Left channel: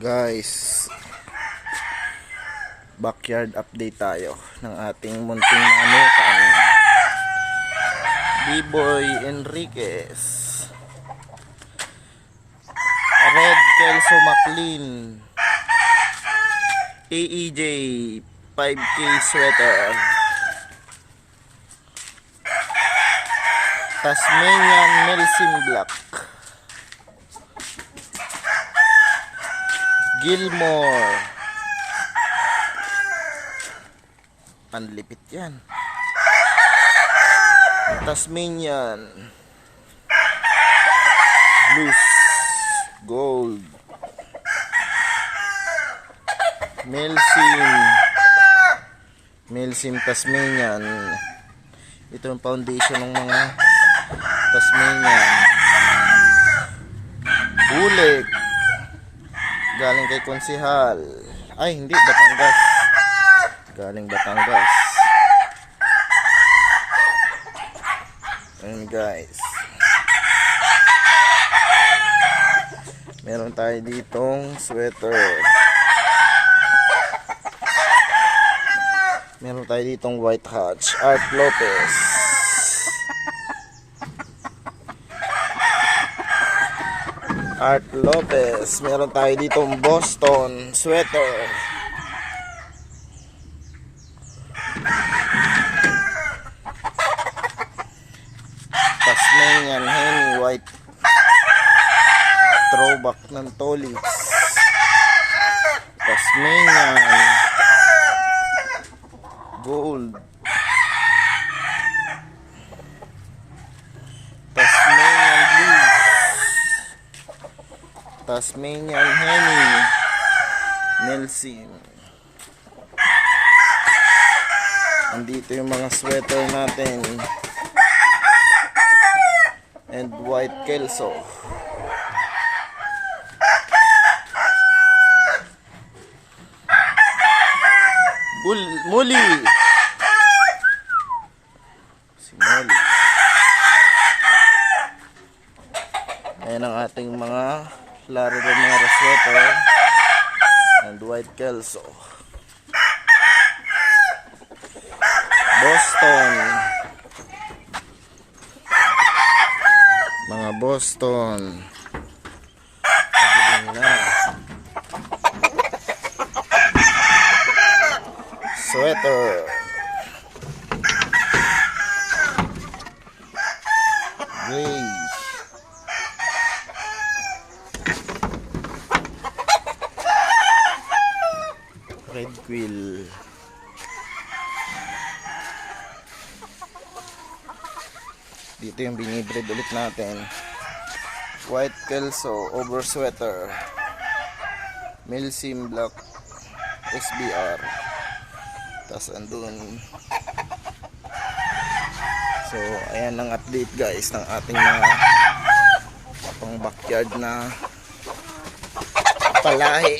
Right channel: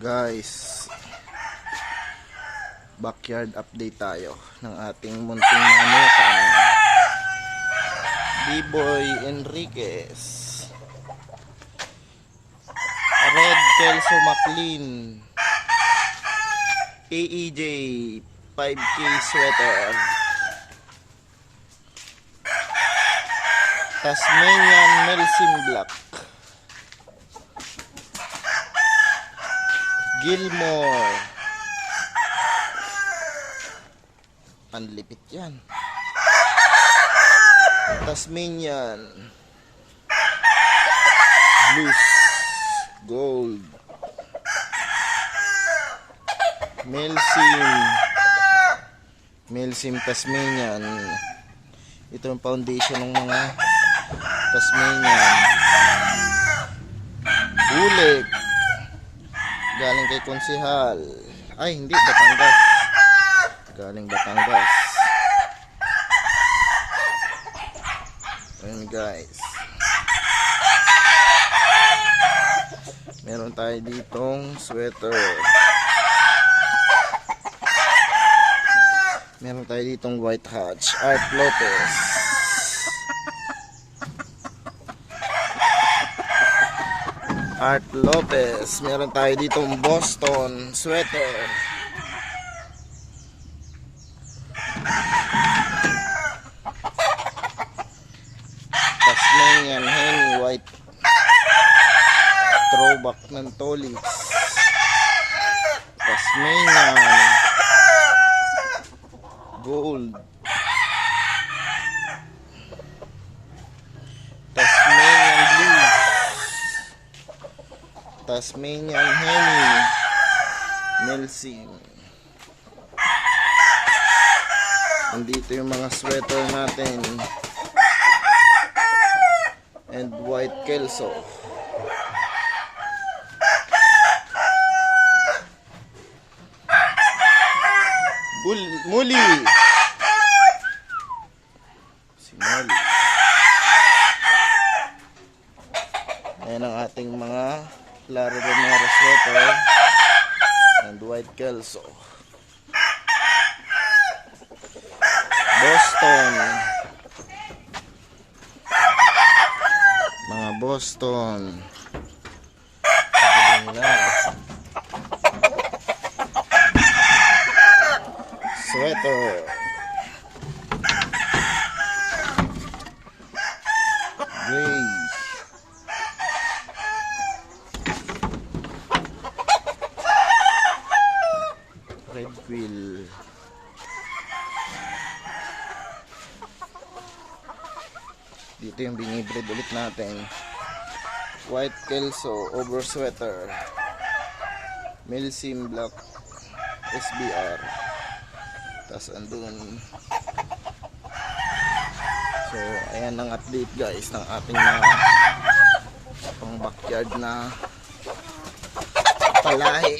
Guys, backyard update tayo ng ating munting manukan. B-Boy Enriquez, Red Kelso McLean, AEJ 5K sweater, Tasmanian Melsim Black, Gilmore, panlipit yan, Tasmanian Blues Gold, Melsim Tasmanian. Ito ang foundation ng mga Tasmanian. Bulik galing kay Konsehal. Ay, hindi, Batangas. Galing Batangas. Ayan guys, meron tayo ditong sweater. Meron tayo ditong White Hatch, Art Lopez. Art Lopez. Meron tayo ditong Boston sweater. Tasmanian Henny White. Throwback ng Tolly. Tasmanian Gold. Tasmanian Blues. Tasmanian Henny Melsim. Andito yung mga sweater natin. And White Kelso. Muli. Si Muli. Ayan ang ating mga Claro Romero sweater and White Kelso. Boston. Mga Boston. Pagdating na. Sweater. Gray. Red Quill. Dito yung binibreed ulit natin. White Kelso over sweater. Melsim Black SBR. Tas andun. So ayan ang update guys ng ating mga pang backyard na palahi.